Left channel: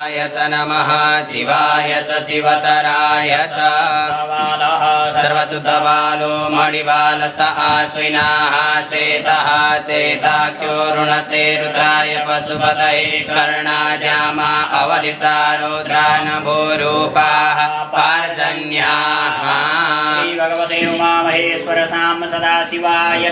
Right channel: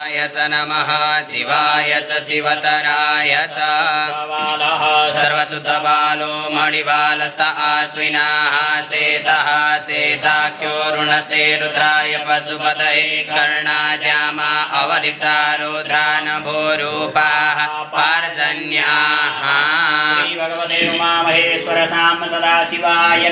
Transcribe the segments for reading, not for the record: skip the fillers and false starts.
च नमः शिवाय च शिवतराय च सर्वशुद्धबालो मणिबालस्त आश्विनाः सेतः सेताक्षोरुणस्ते रुद्राय पशुपतये कर्णाजामा अवलिप्ता रुद्रानभोरूपाः पार्जन्याः। श्री भगवते उमामहेश्वर साम सदाशिवाय।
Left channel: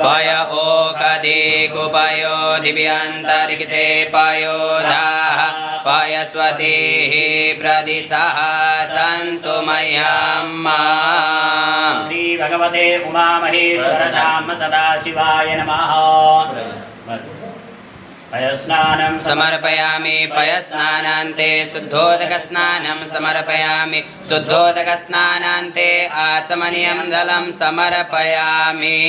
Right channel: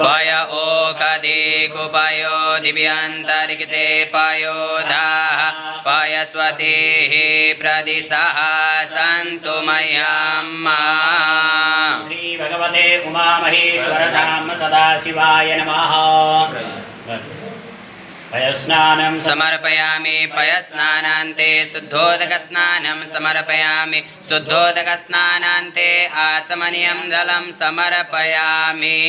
पय ओखदे कुपयो दिव्यन्तरिक्षे पयोधाः पयस्वतेः प्रदिशः सन्तु मह्यम्। श्री भगवते उमामहेश्वर धाम सदाशिवाय नमः। पयस्नानं समर्पयामि पयस्नानान्ते शुद्धोदकस्नानं समर्पयामि शुद्धोदकस्नानान्ते आचमनीयं जलं समर्पयामि।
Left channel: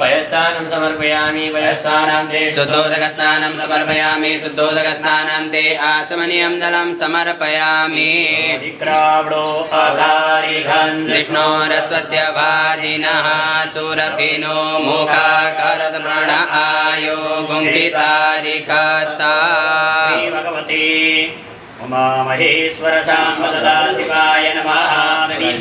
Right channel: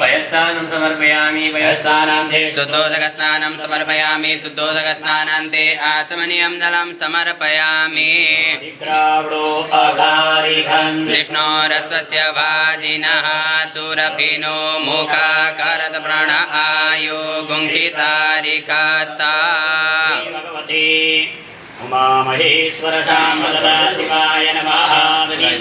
पयस्नानं समर्पयामि पयस्नानान्ते शुद्धोदकस्नानं समर्पयामि शुद्धोदकस्नानान्ते आचमनीयं जलं समर्पयामि। विष्णोरस्वस्य भाजिनः सुरभिनो मुखाकरत व्रण आयो गुंखितारिकता। उमामहेश्वर सदाशिवाय नमः।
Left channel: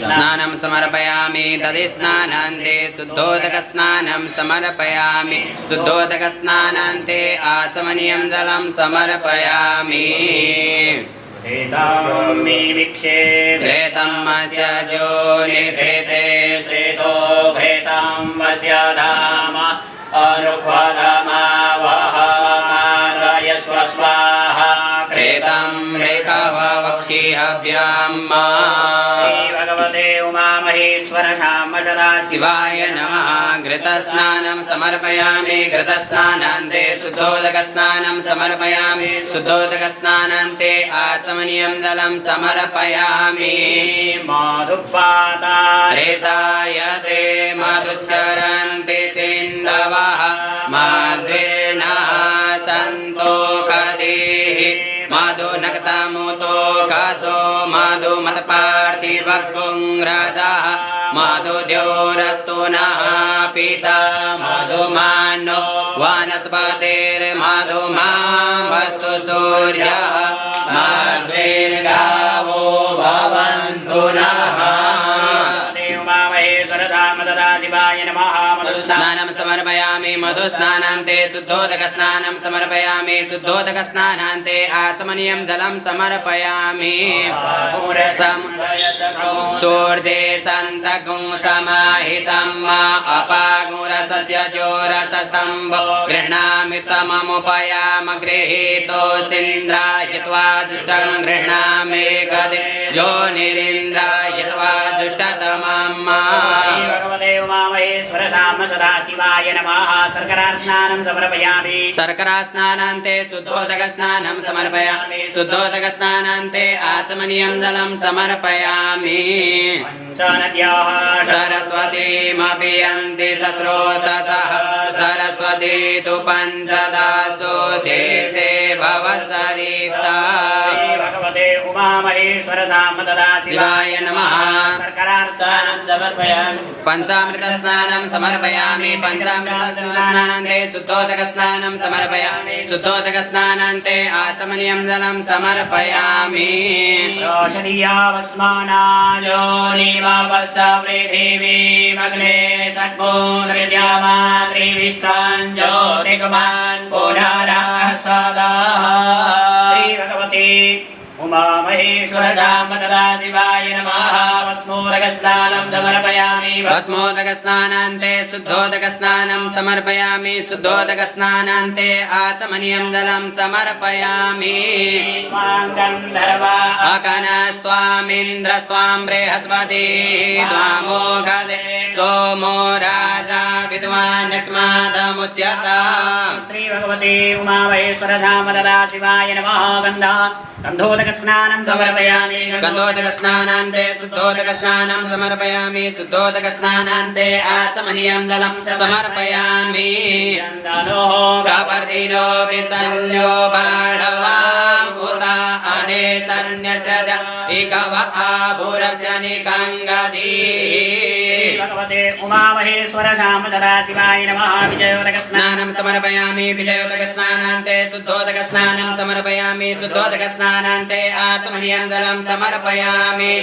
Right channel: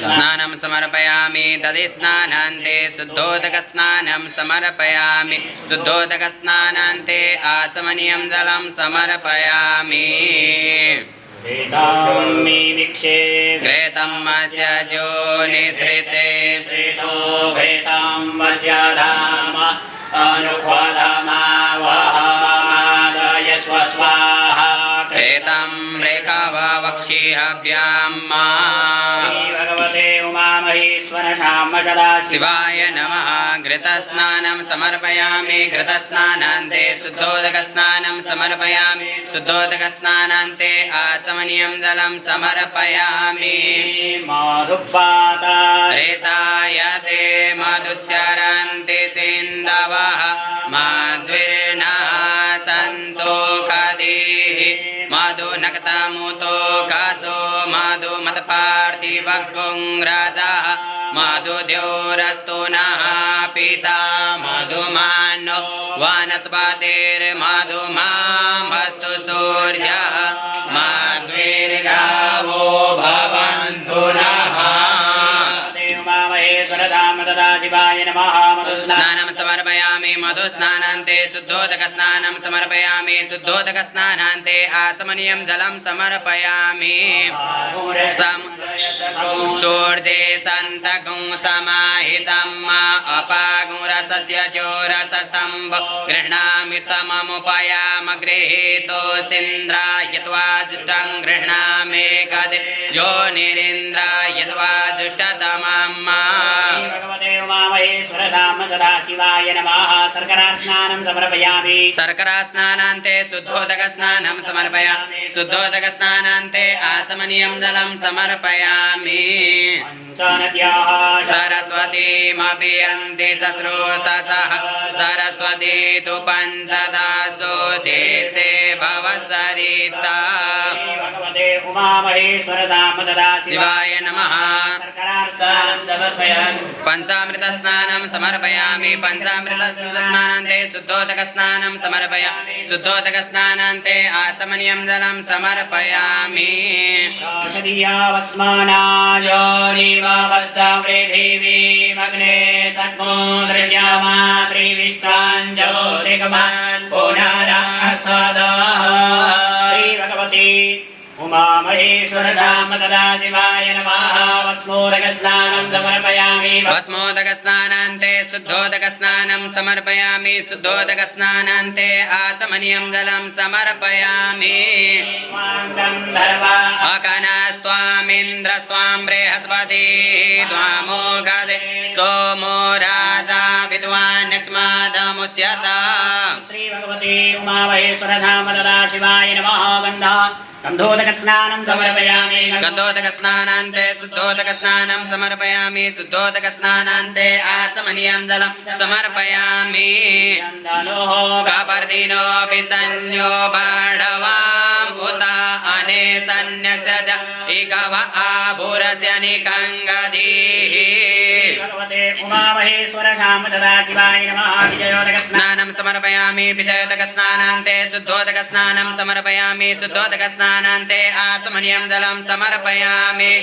स्नानं समर्पयामि तदिस्नानान्ते शुद्धोदकस्नानं समर्पयामि शुद्धोदकस्नानान्ते आचमनीयं जलं समर्पयामि। घृतं अस्य जोनिसृते श्रेतो घृतं वस्य धाम अनुपदमावहमाद्रय स्वस्वाहा घृतं रेखावक्षिहव्याम्। श्री भगवते उमामहेश्वर शाम सदाशिवाय शिवाय नमः। घृतस्नानं समर्पयामि घृतस्नानान्ते शुद्धोदकस्नानं समर्पयामि शुद्धोदकस्नानान्ते आचमनीयं जलं समर्पयामि। मधुपाता रेतायते मधुच्चरन्ति सिन्धवः माध्विर्नः सन्तोषधीः मधुनक्तमुतो कासो मधुमत्पार्थिवगुं राजः मधुद्योरस्तु नः पिता मधुमानो वनस्पतिर्मधुमामस्तु सूर्यः मध्विर्गावो भवन्तु नः। स्नानं समर्पयामि मधुस्नानान्ते शुद्धोदकस्नानं समर्पयामि शुद्धोदकस्नानान्ते आचमनीयं जलं समर्पयामि। सूर्ये सन्तगुं समाहितं अपागुरसस्य चोरसस्तम्भ गृह्णामि तममुपयाम गृहीतोऽसीन्द्रायत्वा जुष्टं गृह्णामि कदे योनिरिन्द्रायत्वा जुष्टतमम्। उमामहेश्वर शाम सदाशिवाय नमः। शर्करास्नानं समर्पयामि शर्करास्नानान्ते शुद्धोदकस्नानं समर्पयामि शुद्धोदकस्नानान्ते आचमनीयं जलं समर्पयामि। सरस्वतीमपि यन्ति सस्रोतसः सरस्वती तु पञ्चदासो देशे भवसरिता। भगवते उमामहेश्वर शाम शिवाय नमः। शर्करास्नानं समर्पयामि पंचामृतस्नानं समर्पयामि पंचामृतस्नानान्ते शुद्धोदकस्नानं समर्पयामि शुद्धोदकस्नानान्ते आचमनीयं जलं समर्पयामि। पृथिवीमग्ने सद्गो दृश्यमात्रिविष्टान् ज्योतिर्गमान् पुनरः सदा। श्री भगवती उमामहेश्वर शाम सदाशिवाय नमः। भस्मोदकस्नानं समर्पयामि भस्मोदकस्नानान्ते शुद्धोदकस्नानं समर्पयामि शुद्धोदकस्नानान्ते आचमनीयं जलं समर्पयामि। अकनस्त्वामिन्द्रस्त्वां बृहस्पतिः त्वामोघदे सोमो राजा विद्वान् यक्ष्मादमुच्यता। श्री भगवती उमामहेश्वर धाम सदाशिवाय नमः। गन्धा गन्धोदकस्नानं समर्पयामि गन्धोदकस्नानान्ते शुद्धोदकस्नानं समर्पयामि शुद्धोदकस्नानान्ते आचमनीयं जलं समर्पयामि कपर्दिनोऽपि सन्यो बाढवाम् उत अनेसन्यस्य च इकव आभुरस्य निकङ्गधीः भगवते उमामहेश्वर शामददा शिवाय नमः विजयोदकस्नानं स्नानं समर्पयामि विजयोदकस्नानान्ते शुद्धोदकस्नानं समर्पयामि शुद्धोदकस्नानान्ते आचमनीयं जलं समर्पयामि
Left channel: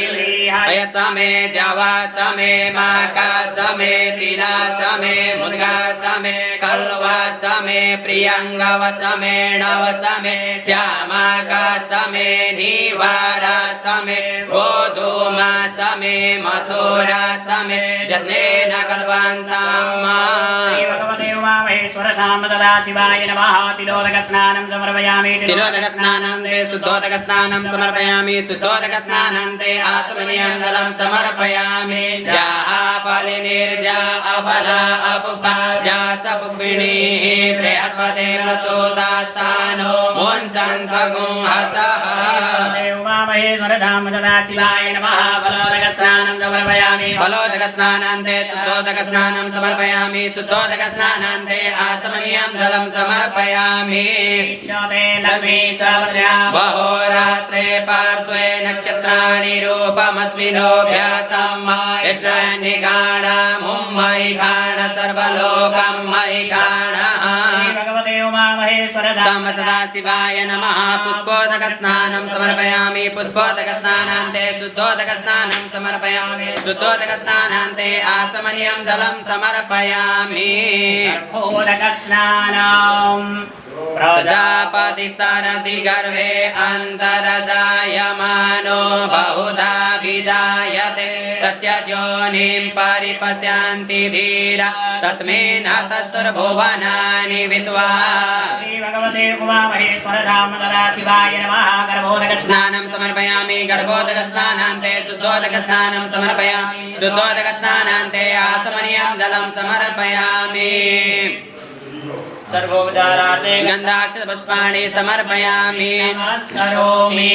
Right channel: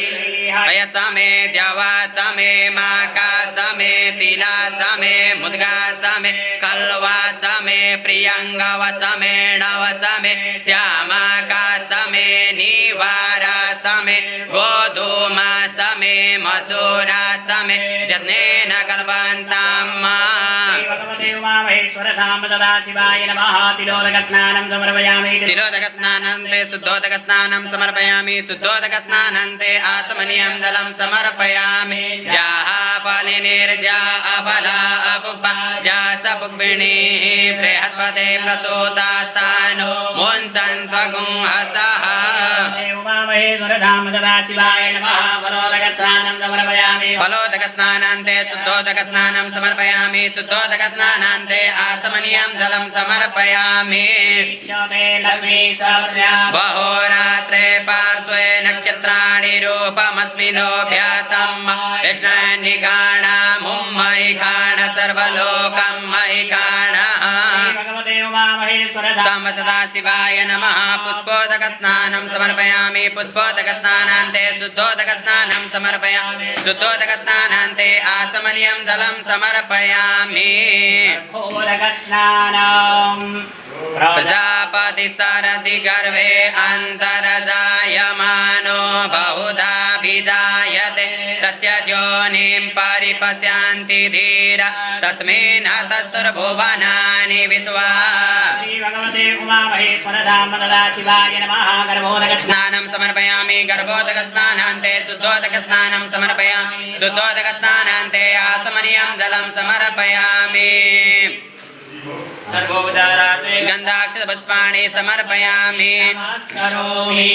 अयसमे जवासमे माकासमे तिलासमे मुद्गासमे कल्वासमे प्रियङ्गवसमे णवसमे श्यामाकासमे निवारासमे गोधूमासमे मसूरासमे जनेन कल्पन्ताम् भगवते उमामहेश्वर शामददा शिवाय नमः तिलोदकस्नानं समर्पयामि तिलोदकस्नानान्ते शुद्धोदकस्नानं समर्पयामि शुद्धोदकस्नानान्ते आचमनीयं जलं समर्पयामि जाफलिनिर्जा अफला अपुष्पा जासपुष्पिणीः बृहस्पते प्रसूतास्तानो मुञ्चन्त्वगुंहसः उमामहेश्वर शामददा शिवाय नमः फलोदकस्नानं समर्पयामि फलोदकस्नानान्ते शुद्धोदकस्नानं समर्पयामि शुद्धोदकस्नानान्ते आचमनीयं जलं समर्पयामि बहोरात्रे पार्श्वे नक्षत्राणि रूपमस्मिनोऽभ्यातं विष्णुनिकाण मुम्मयिकाण सर्वलोकं मयिकाणः साम्ब सदाशिवाय नमः पुष्पोदकस्नानं समर्पयामि पुष्पोदकस्नानान्ते शुद्धोदकस्नानं समर्पयामि शुद्धोदकस्नानान्ते आचमनीयं जलं समर्पयामि प्रजापति सारथि गर्भे अन्तरजायमानो बहुधा विजायते तस्य योनिं परिपश्यन्ति धीरा तस्मिन् हतस्तुर्भुवनानि विश्वा स्नानं समर्पयामि गर्भोदकस्नानान्ते शुद्धोदकस्नानं समर्पयामि शुद्धोदकस्नानान्ते आचमनीयं जलं समर्पयामि सर्वोपचारार्थे गन्धाक्षतपुष्पाणि समर्पयामि नमस्करोमि।